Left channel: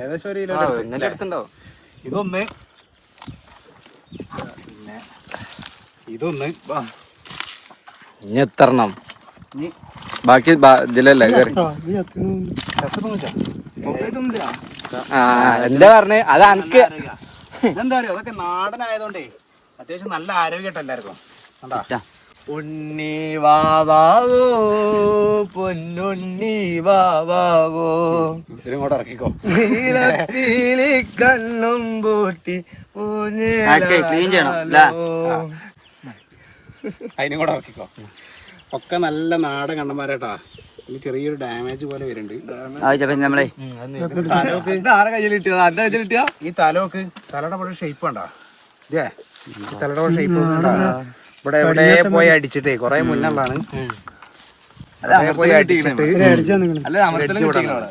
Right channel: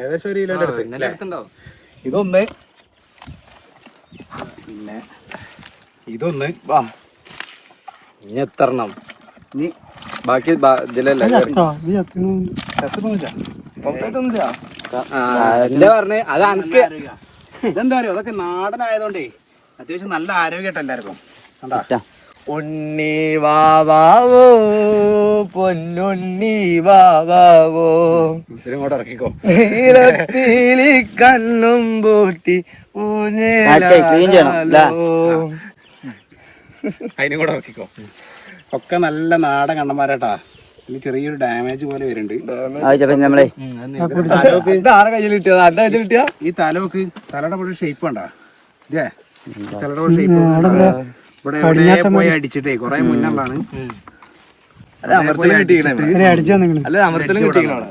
ഏകദേശം 1 കിലോ അടുത്തുണ്ടാവും. ഇതൊന്ന്, പിന്നെ ഇതൊന്ന്. ഇനി എത്രണ്ണം ബാക്കി ഇതിലല്ലേ എന്താ പറഞ്ഞേ? അത് അനക്ക് ഇതെന്താ അറിയോ, അതൊക്കെ നാടനായതുകൊണ്ടേ അത്യാവശ്യം നല്ല ആരോഗ്യമായിട്ട് എല്ലാവർക്കും. ഉണ്ണി വാവാവോ പൊന്നുണ്ണി വാവാവോ ഇതിങ്ങോട്ട് ഇറക്കിക്കോ. നീലത്തിലി കണ്ണും പൂട്ടി അതിനും കൂടെ ഇറക്കിക്കോ. ഒക്കെ നല്ല നാടൻ കണ്ണന്മാരാട്ടാ. ഇനി ചെറിയൊരു ഡാമേജ് പോലെ വരുന്നുണ്ട്. ഈ തലോക്ക് തലയുടെ പോലെ ഷേപ്പ് വേണ്ട. ഇതേ തലയുടെ പോലെ ഷേപ്പ് ഇവിടെ എവിടെ പോയി അടിച്ചിട്ടേ കൊറേ മുന്നാണ്. അല്ല അമർത്തലും കിട്ടിക്കണേ. അല്ല അമർത്തലും കിട്ടിക്കണ.